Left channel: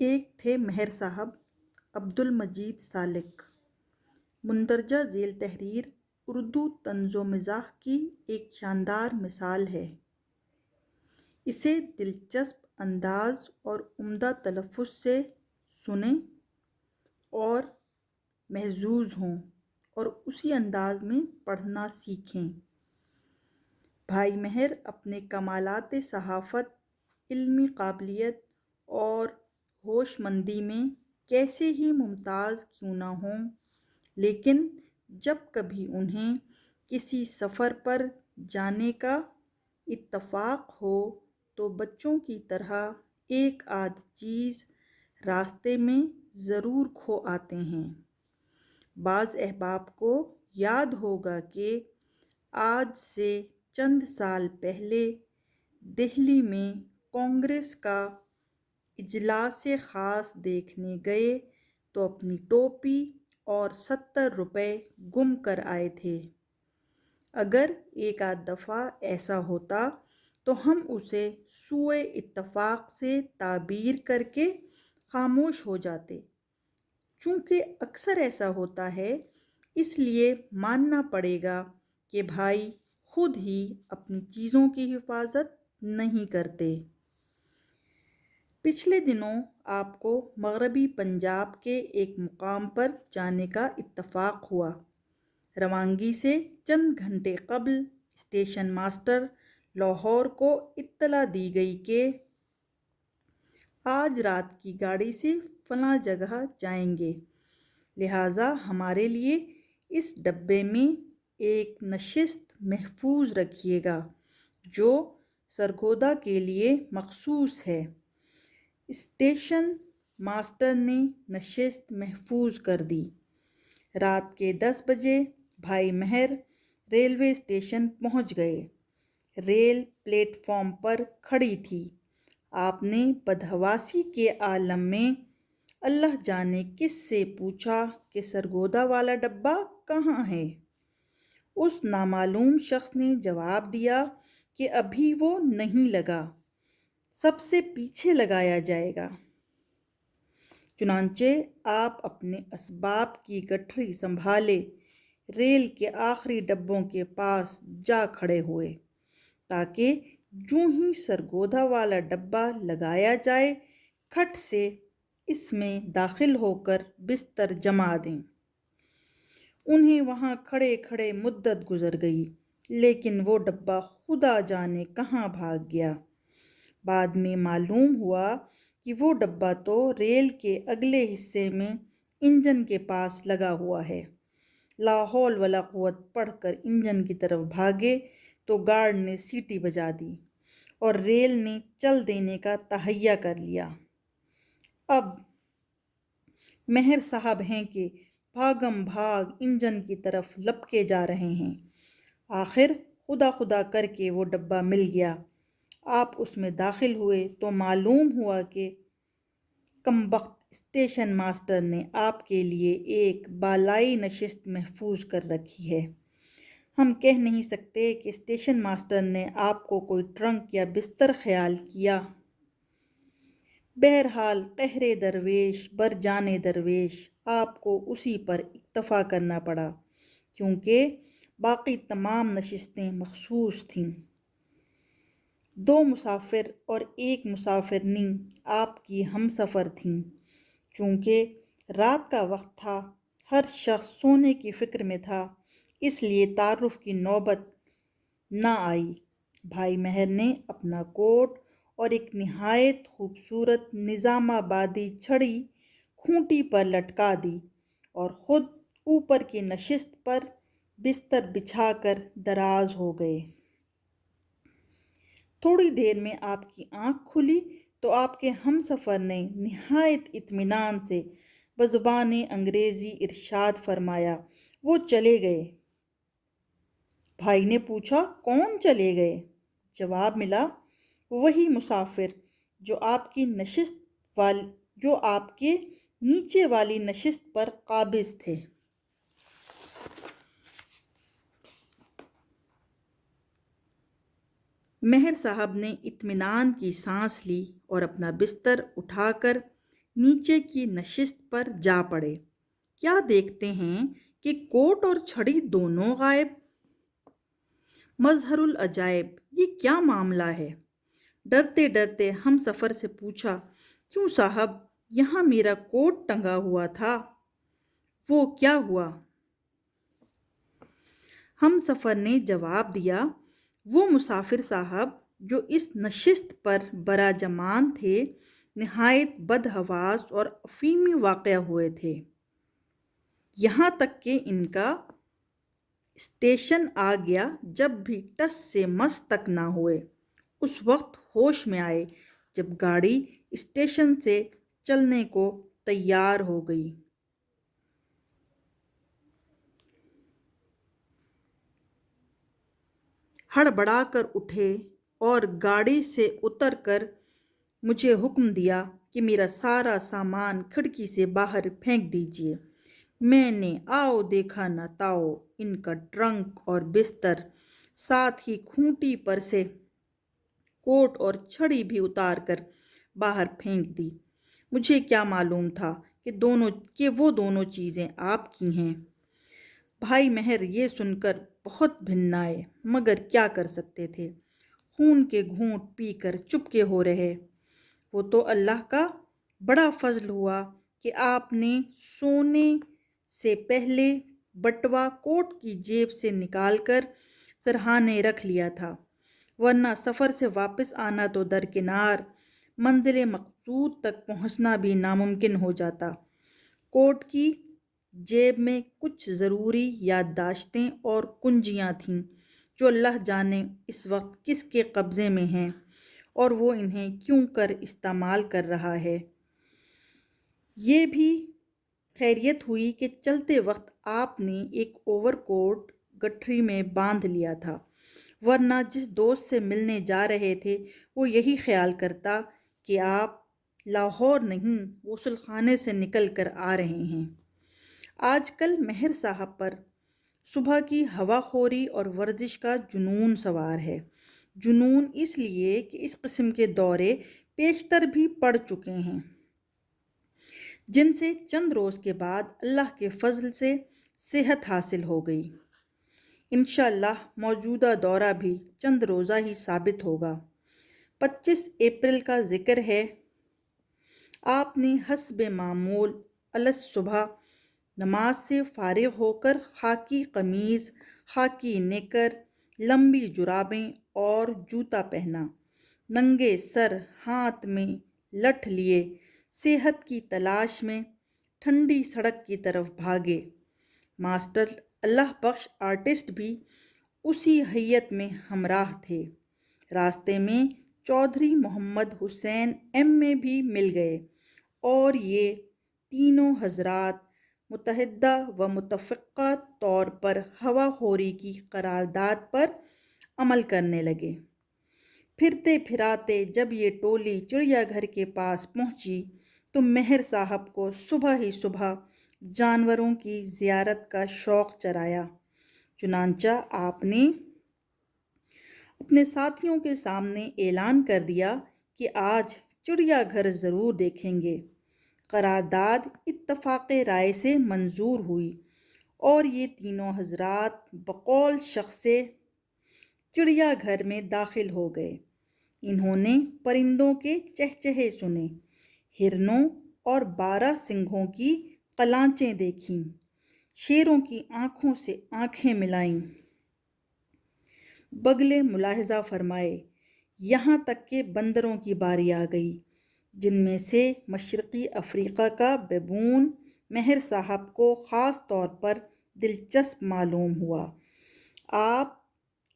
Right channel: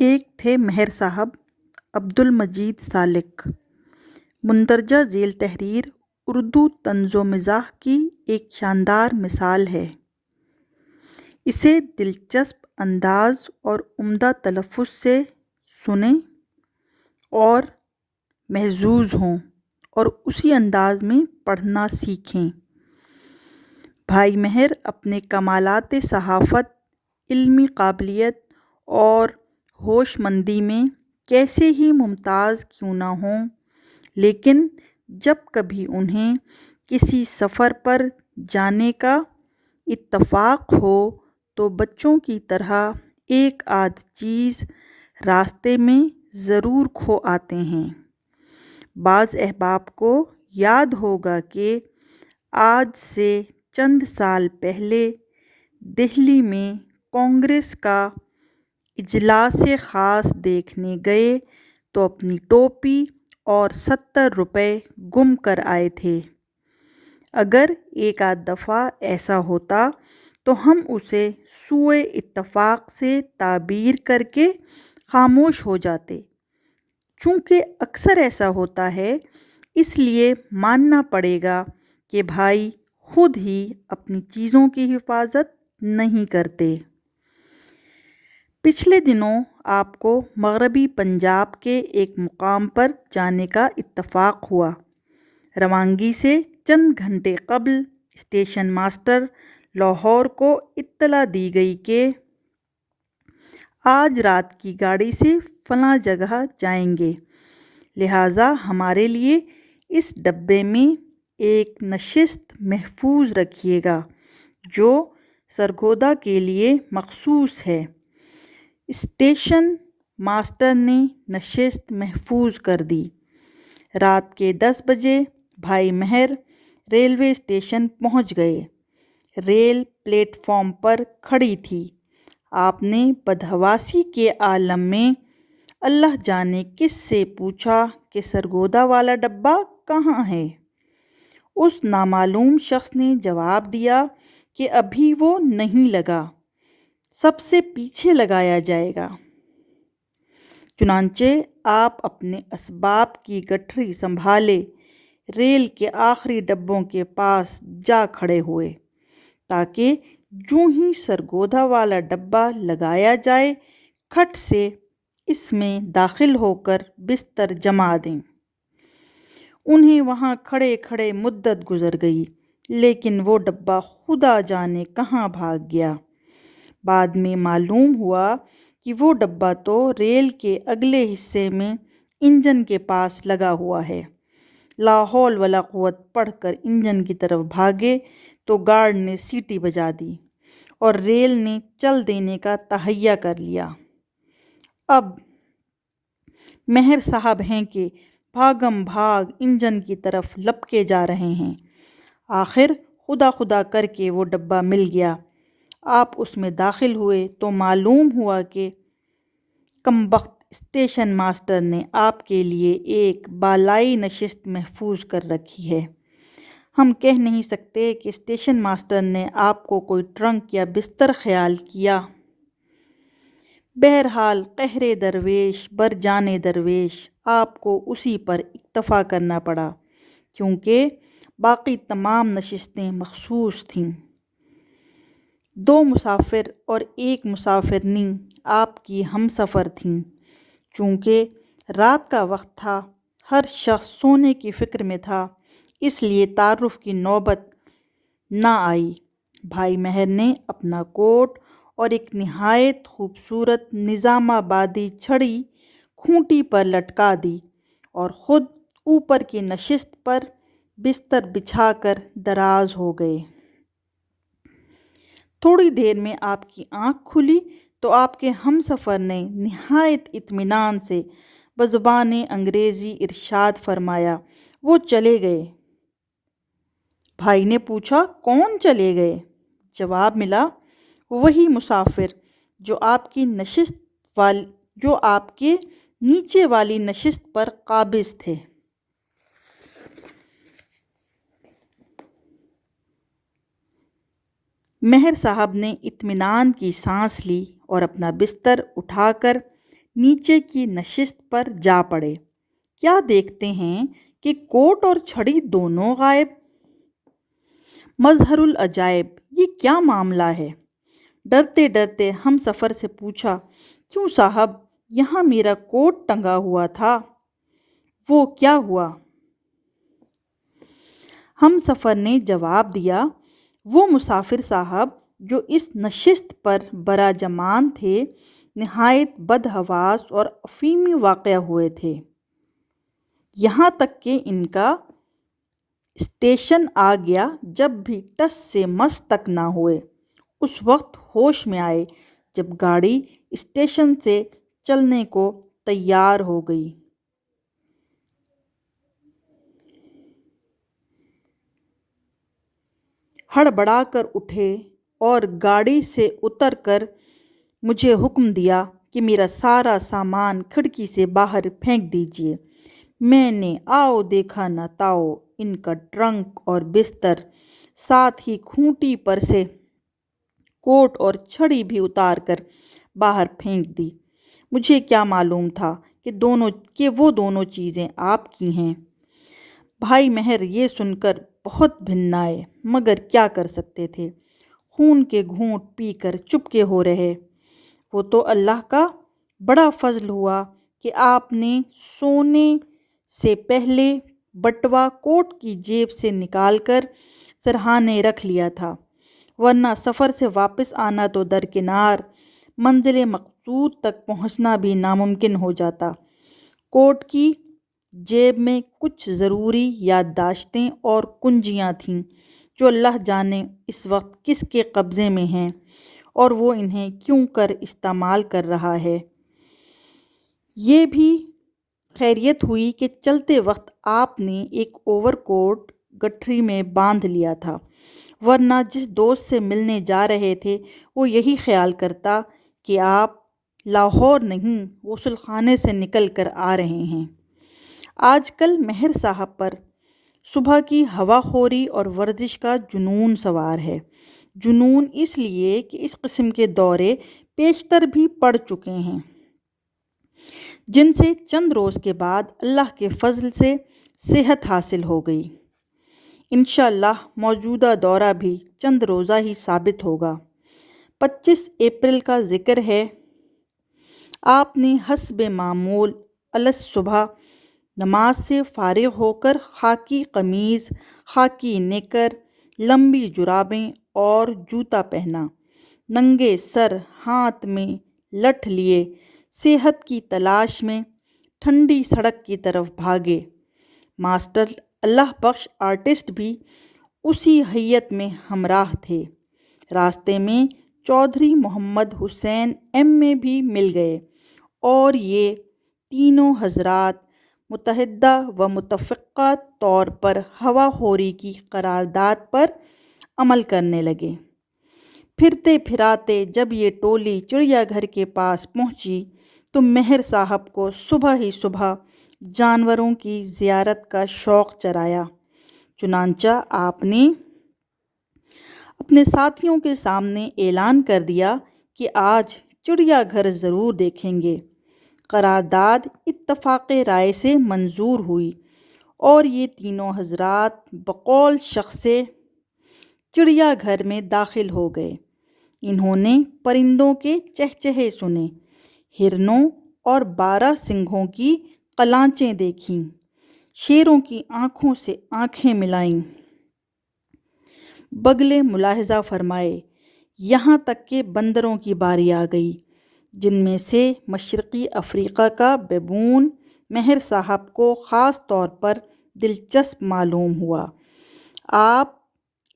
ایک تھے مہر صاحب عبد المجید سالک۔ مندرجہ ذیل تحریر اردو طنز و مزاح کی ایک شاندار مثال ہے۔ اسے دلچسپ انداز اور عمدہ تلفظ سے سنیں اور محظوظ ہوں اور اسی انداز میں پڑھنا سیکھیں۔ بھائی مہر اپنے کمالات صحافت، علمی قابلیت اور ہوش مندی میں کیسے ہی ممتاز کیوں نہ ہوں، لیکن جب کبھی انہیں کسی سفر پر جانے کا اتفاق ہو تو بچوں کی طرح ایک آدھ چیز راستے میں ضرور کھو آتے ہیں۔ بعض احباب کو یاد ہوگا کہ آج سے چند سال پہلے دہلی میں کانگریس کا اجلاس خاص دیکھنے گئے تو اپنی ٹوپی اور 70 روپے گم کر آئے تھے۔ اگر ایک آدھ دفعہ ایسا ہوتا تو ہم اسے سوء اتفاق سے تعبیر کر کے خاموش ہو جاتے۔ چونکہ اکثر ایسا ہوتا ہے، اس لیے ماننا پڑے گا کہ بھائی خود ہی اپنی چیزوں کی حفاظت نہیں کرتے۔ پچھلے دنوں آپ کو مغربی پنجاب کے ایک مقام پر جانے کا اتفاق ہوا۔ روانگی سے چند گھنٹے قبل اسٹیشن ماسٹر لاہور کو اطلاع دی گئی کہ آج رات کی گاڑی سے فلاں جگہ جائیں گے، لہٰذا ہمارے لیے اس ڈبے میں ایک نشست محفوظ رکھیے گا جو سرگودا کے لیے مخصوص ہے۔ اسٹیشن ماسٹر نے نشست محفوظ کر دی۔ رات کے 10 بجے بھائی مہر ریلوے اسٹیشن پہنچ گئے۔ ریل پلیٹ فارم پر کھڑی تھی۔ آپ نے بدحواسی کے عالم میں اللہ جانے کس سے پوچھا کہ سرگودا والا ڈبہ کہاں ہے؟ اس نامعلوم شخص نے جواب دیا کہ ابھی وہ نہیں لگا، سب سے پیچھے لگایا جائے گا۔ چنانچہ آپ اپنے اسباب کی گٹھری سنبھالے ریل کے آخری ڈبوں کے پاس جا کھڑے ہوئے تاکہ جوں ہی سرگودا والا ڈبہ لگایا جائے کھٹ سے اس میں داخل ہو کر بستر جما دیں۔ انہیں وہاں کھڑے کھڑے مدت گزر گئی، لیکن وہ ڈبہ خدا جانے کہاں بھاگ گیا۔ بعد میں معلوم ہوا کہ وہ ڈبہ تو ریل کے اگلے حصے میں انجن کے پاس لگا ہوا ہے۔ لا حول ولا قوت پڑھ کر انجن کی طرف بھاگے تو گارڈ نے سیٹی بجا دی اور ریل نے چل دینے کا تہیہ کر لیا۔ اب مہر صاحب ہیں کہ بھاگم بھاگ انجن کی طرف لپکے جا رہے ہیں۔ آخر خدا خدا کر کے وہ ڈبہ مل گیا۔ آپ اس میں داخل ہوئے تو معلوم ہوا کہ کمبخت اسٹیشن ماسٹر نے آپ کے لیے ایک بالائی نشست محفوظ کر رکھی ہے۔ ہم کہہ نہیں سکتے کہ اسٹیشن ماسٹر نے آپ کو کوئی ٹرنک یا بستر خیال کیا۔ بہرحال قہر درویش بر جان درویش آپ کو اسی پر اکتفا کرنا پڑا، کیونکہ باقی تمام نشستیں مخصوص تھیں۔ 2 مسافر اور ایک مسافرنی آپ کی ہم سفر تھیں۔ چونکہ رات کا وقت تھا، ہر شخص سونے کی فکر میں تھا، اس لیے تعارف کی نوبت نہ آئی۔ بھائی مہر نے اپنا کوٹ اور ایک نہایت خوبصورت نظام آبادی چھڑی کھوٹی پر لٹکا دی اور خود اوپر کی نشست پر بستر بچھا کر دراز ہو گئے۔ تھوڑی دیر میں آپ کی آنکھ کھلی تو آپ کے ہم سفر نے نہایت اطمینان سے بزبان انگریزی ارشاد فرمایا، وہ چلے گئے۔ بھائی نے پوچھا، کون چلے گئے؟ جواب ملا، وہی مسافر جو آپ کے نیچے والی نشست پر قابض تھے۔ مہر صاحب نے اطمینان کی سانس لی اور اپنا بستر اٹھا کر نیچے کی نشست پر جا پڑے۔ کیا دیکھتے ہیں کہ کوٹ اور چھڑی دونوں غائب۔ مظہر العجائب، یہ کیا معاملہ ہے؟ ڈرتے ڈرتے ہم سفر سے پوچھا، کیوں صاحب، یہاں میرا کوٹ ٹنگا ہوا تھا، وہ کیا ہوا؟ ہم سفر نے جواب دیا، وہ مسافر صاحب جو اس نشست پر براجمان تھے نہایت بدحواس اور افیمی واقع ہوئے تھے، یہاں تک کہ ان کا اسٹیشن آ گیا۔ جب بھی ٹس سے مس تک نہ ہوئے، اس وقت ہوش میں آئے جب گاڑی اسٹیشن سے چلنے کو تیار ہو گئی۔ ہڑبڑا کر اٹھے اور گاڑی سے اتر کر مجھے حکم دیا کہ میرا سارا سامان کھڑکی سے باہر پھینک دیجیے۔ میں نے آؤ دیکھا نہ تاؤ، ان کا ٹرنک اور بستر، ساتھ ہی کھوٹی پر سے کوٹ اور چھڑی بھی اتار کر باہر پھینک دی۔ مجھے کیا معلوم تھا کہ وہ دونوں چیزیں آپ کی ہیں۔ بھائی مہر یہ سن کر بہت بھنائے، مگر کیا کر سکتے تھے، خون کے گھونٹ پی کر چپکے ہو رہے۔ وہ تو اللہ کا بڑا فضل ہوا کہ آپ نے سونے سے پہلے بٹوا کوٹ کی جیب سے نکال کر سرہانے رکھ لیا تھا، ورنہ سفر سے واپس آنا تو درکنار، منزل مقصود تک پہنچنا بھی ناممکن ہو جاتا۔ کوٹ کی جیب میں کچھ ضروری یادداشتیں اور کنجیاں تھیں جو اللہ جانے اس وقت کس کے قبضے میں ہیں اور وہ انہیں کیوں کر استعمال کر رہا ہے۔ یہ بھی خیریت ہوئی کہ چلتے وقت آپ نے ایک اوور کوٹ گٹھری میں باندھ لیا تھا، ورنہ جس دوست سے ملنے جا رہے تھے وہ یہی خیال کرتا کہ آپ لاہور نہیں غسل خانے سے نکل کر آ رہے ہیں۔ آج کل مہر صاحب پر صبح کی ہوا خوری اور ورزش کا جنون سوار ہے۔ جنون اس لیے کہ اس قسم کے دورے پیشتر بھی پڑ چکے ہیں، جن سے چند روز کے بعد اللہ کے فضل سے صحت حاصل ہو گئی۔ انشاءاللہ موجودہ دورہ بھی چند روزہ ہی ثابت ہوگا۔ 25 اپریل کا ذکر ہے۔ آپ نے حسب معمول الصبح نماز سے فارغ ہو کر خاکی قمیض، خاکی نیکر، لمبی جرابیں اور جوتا پہنا، ننگے سر ہاتھ میں لٹھ لیے صحت کی تلاش میں ٹھنڈی سڑک کی طرف بھاگے۔ ماسٹر اللہ بخش آرٹسٹ بھی اسی ہیئت میں ہمراہ تھے۔ راستے میں چودھری محمد حسین M.A. بھی مل گئے اور یہ تینوں حضرات متحدہ و متفقہ طور پر ہوا خوری کی قرارداد پر عمل کرنے لگے۔ پھرتے پھراتے جب یہ ٹولی چڑیا گھر کے پاس پہنچی تو مہر صاحب کو صبح ہی صبح جانوروں کی زیارت کا شوق چرایا، چنانچہ آپ نے اپنے ساتھیوں کے سامنے اعلان کر دیا کہ آج چڑیا گھر ضرور دیکھیں گے۔ قرارداد اتفاق رائے سے منظور ہوئی اور یہ تینوں حضرات بقول شخص چڑیا گھر میں داخل ہو گئے۔ انہوں نے پرندوں کے چہچہے سنے، ہرنوں اور 12 سنگھوں کی قلانچیں دیکھیں، شیروں کی آنکھوں سے آنکھیں ملائیں، بگلے ملاحظہ فرمائے، یہاں تک کہ بندروں کی باری آ گئی، جن میں سے مشرقی افریقہ کا بیبون مہر صاحب کو خاص طور پر دلچسپ معلوم ہوا۔ آپ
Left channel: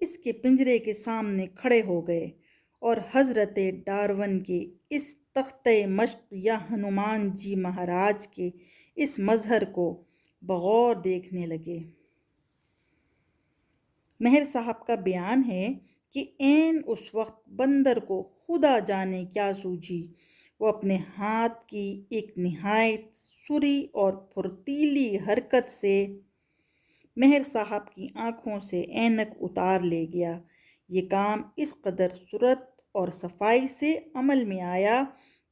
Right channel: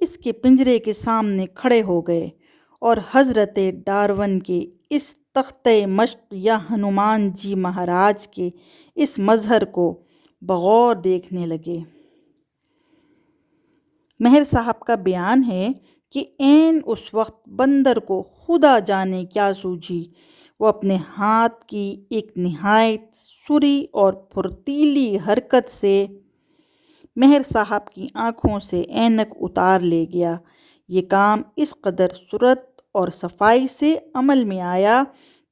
اس کے پنجرے کے سامنے کھڑے ہو گئے اور حضرت ڈارون کے اس تختہ مشق یا ہنومان جی مہاراج کے اس مظہر کو بغور دیکھنے لگے۔ مہر صاحب کا بیان ہے کہ عین اس وقت بندر کو خدا جانے کیا سوجھی، وہ اپنے ہاتھ کی ایک نہایت سری اور پھرتیلی حرکت سے مہر صاحب کی آنکھوں سے اینک اتار لے گیا۔ یہ کام اس قدر سرعت اور صفائی سے عمل میں آیا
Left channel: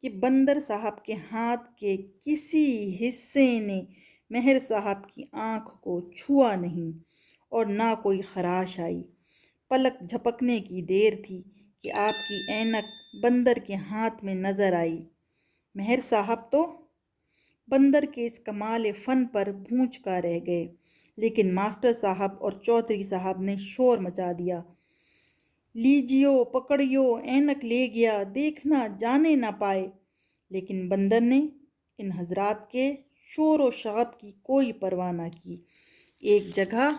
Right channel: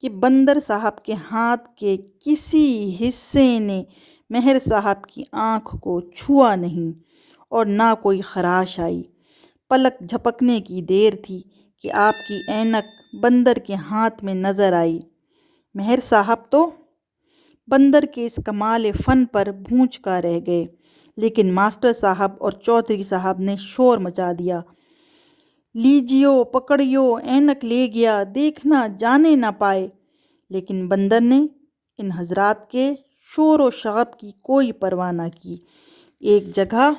کہ بندر صاحب کے ہاتھ کے کسی حصے نے مہر صاحب کی آنکھ کو چھوا نہیں اور نہ کوئی خراش آئی۔ پلک جھپکنے کی دیر تھی کہ آپ کی اینک بندر کے ہاتھ میں نظر آئی۔ مہر صاحب تو بندر کے اس کمال فن پر بھونچ کا رہ گئے، لیکن ماسٹر صاحب اور چودھری صاحب نے شور مچا دیا، لیجیو پکڑیو، اینک لے گیا، دیکھنا جانے نہ پائے۔ لیکن بندر نے ان حضرات کے شور و شغب کی کوئی پرواہ نہ کی۔ ایک جگہ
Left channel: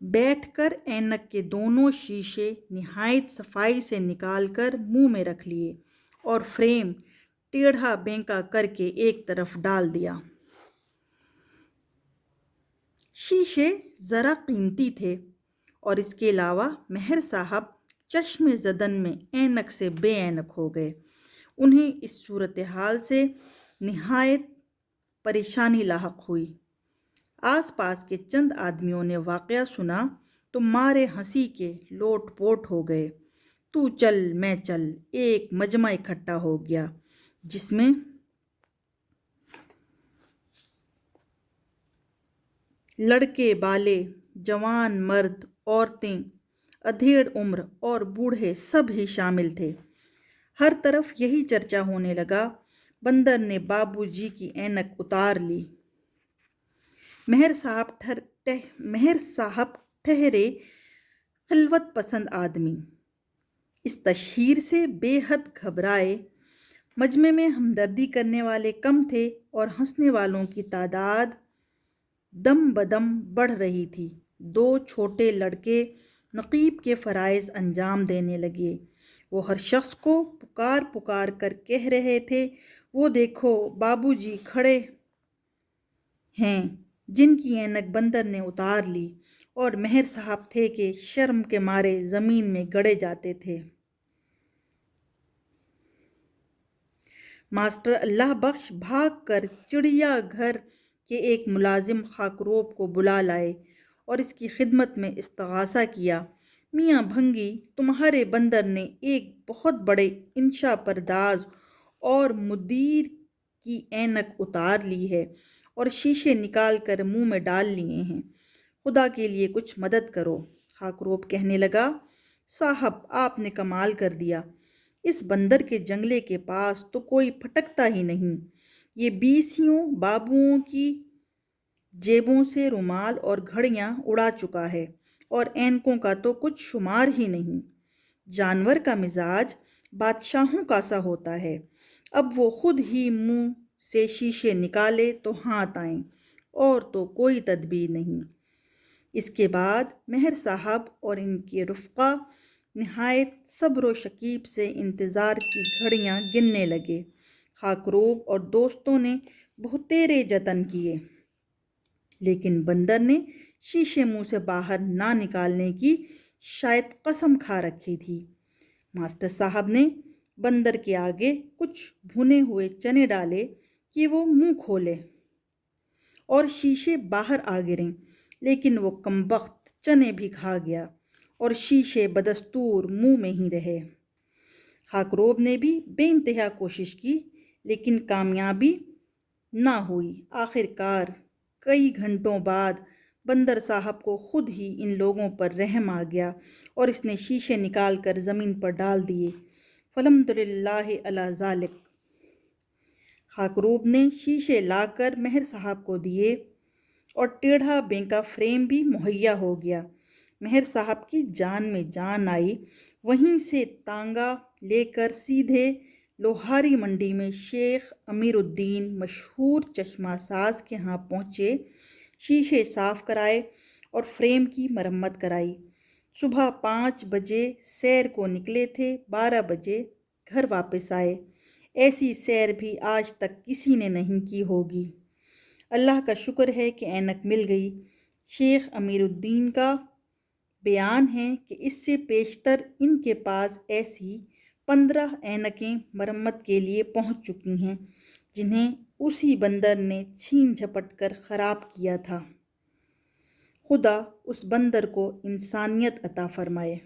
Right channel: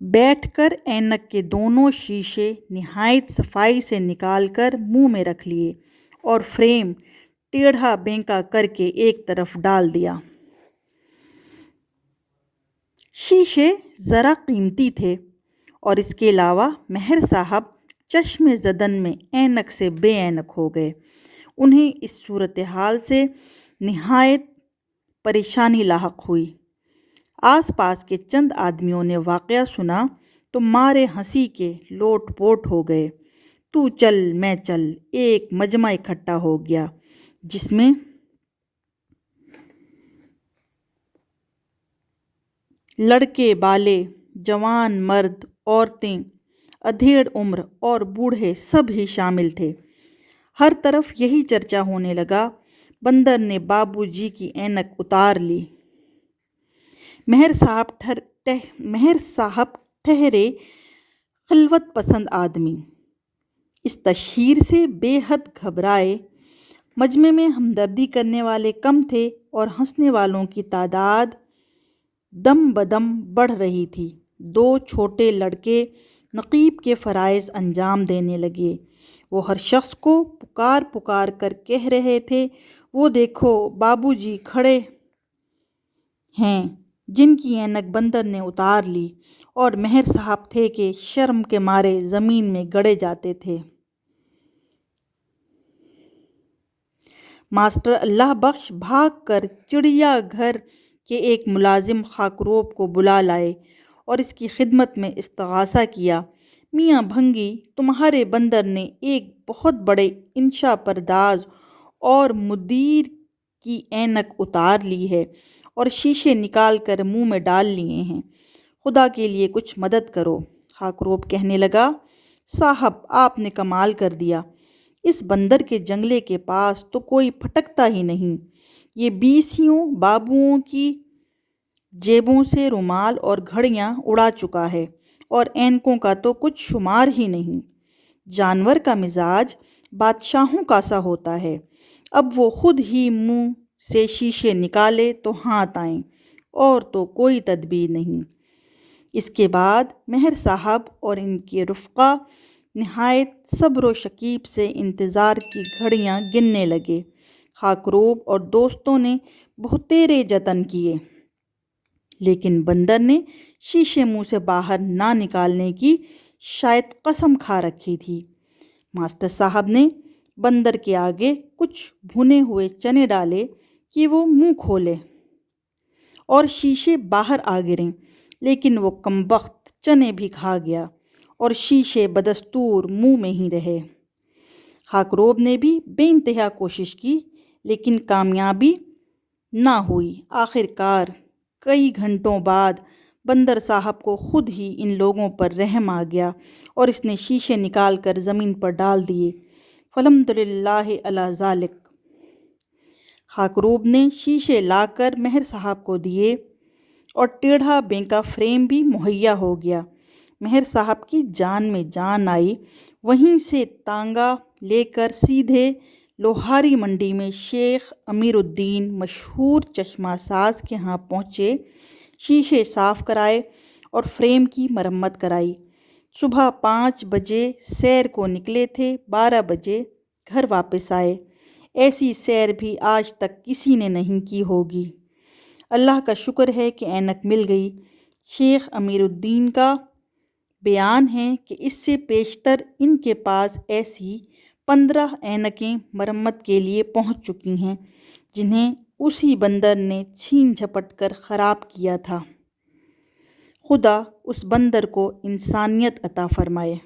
بیٹھ کر اینک کے دونوں شیشے نہایت صفائی سے نکال کر منہ میں رکھ لیے اور فریم ٹیڑھا بینکا کر کے ایک طرف ڈال دیا۔ شیشے ذرا قیمتی تھے اور اس کے علاوہ مہر صاحب چشم زدن میں اینک سے بے اینک ہو گئے۔ انہیں اس صورتحال سے نہایت پریشانی لاحق ہوئی۔ آس پاس کے چند آدمیوں نے واقعہ سنا تو مارے ہنسی کے لوٹ پوٹ ہو گئے۔ تو چل میں چل، ایک مجمع اکٹھا ہو گیا جس میں لڑکے بالے، جوان مرد، عورتیں، ادھیڑ عمر اور بوڑھے سب ہی شامل تھے۔ ہر طرف یہی چرچا ہونے لگا، بندر نے بابو جی کی اینک اتار لی۔ مہر صاحب ٹھہرے خلوت پسند آدمی اس تشہیر سے بے حد گھبرائے۔ مجمع میں ہمدردی کرنے والے کم تھے اور ہنسنے والوں کی تعداد دم بدم بڑھ رہی تھی۔ دو چھوٹے لڑکے نقیب کے فرائض انجام دینے لگے۔ وہ ہر شخص کو پکار پکار کر کہہ رہے تھے، وہ دیکھو بابو جی کھڑے ہیں جن کی اینک بندر نے اتار لی، اور مہر صاحب تھے کہ شرم کے مارے زمین میں گڑے جاتے تھے۔ ماسٹر اللہ بخش بھاگ کر چڑیا گھر کے ایک ملازم خاکروب کو بلا لائے اور اس کی خدمت میں استغاثہ کیا، میاں بھنگی، تمہارے بندر نے ایک بہت بڑے انشا پرداز اور مدیر کی اینک اتار لی ہے اور شیشے نکال کر منہ میں ڈال لیے ہیں، خدا کے لیے کچھ مدد کرو۔ خاکروب کہنے لگا، صاحب آپ نے کمال کر دیا، اس بندر کے جنگلے کے پاس تو کوئی پھٹکتا ہی نہیں، یہ 20 بابوؤں کی جیبوں سے رومال اور گھڑیاں اڑا چکا ہے اور اینکوں کا تو کچھ شمار ہی نہیں۔ جانور کا مزاج بادشاہوں کا سا ہوتا ہے، اب وہ خود ہی منہ سے شیشے نکالے تو ہاتھ آئیں، اور تو کوئی تدبیر نہیں۔ اس کے بعد مہر صاحب اور ان کے رفقا نہایت صبر و شکیب سے انتظار کی گھڑیاں گننے لگے۔ خاکروب اور دوستوں نے بہتیرے جتن کیے، لیکن بندر نے شیشے منہ سے باہر نہ نکالنے کی شاید قسم کھا رکھی تھی۔ ماسٹر صاحب نے بندر کے آگے کچھ بھنے ہوئے چنے ڈالے کہ وہ منہ کھولے اور شیشے باہر آ گریں، لیکن وہ کمبخت چنے بھی کھا گیا اور شیشے بدستور منہ میں ہی رہے۔ خاکروب نے بھی بے انتہا کوشش کی، لیکن کامیابی نہ ہوئی۔ آخر کار کئی گھنٹوں بعد بندر صاحب کو خود ہی ان لوگوں پر رحم آ گیا اور اس نے شیشے نکال کر زمین پر ڈال دیے۔ فالحمدللہ علی ذالک۔ خاکروب نے شیشے لا کر مہر صاحب کو دیے اور ٹیڑھا بینکا فریم بھی مہیا ہو گیا۔ مہر صاحب کی جان میں جان آئی۔ وہیں سے تانگا لے کر سیدھے لوہاری منڈی میں شیخ امیر الدین مشہور چشمہ ساز کے ہاں پہنچے، شیشے صاف کرائے اور فریم کی مرمت کرائی۔ صبح 5 بجے سیر کو نکلے تھے، 12 بجے گھر واپس آئے۔ ایسی سیر بھی آج تک کسی نے نہیں کی ہوگی۔ اللہ کا شکر ہے کہ اینک مل گئی۔ شیخ امیر الدین کا بیان ہے کہ اس سے پیشتر ان کے پاس ایسی 15 اینکیں مرمت کے لیے پہنچ چکی ہیں، جنہیں اسی بندر نے چھین جھپٹ کر خراب کیا تھا۔ خدا اس بندر کو انسانیت عطا فرمائے۔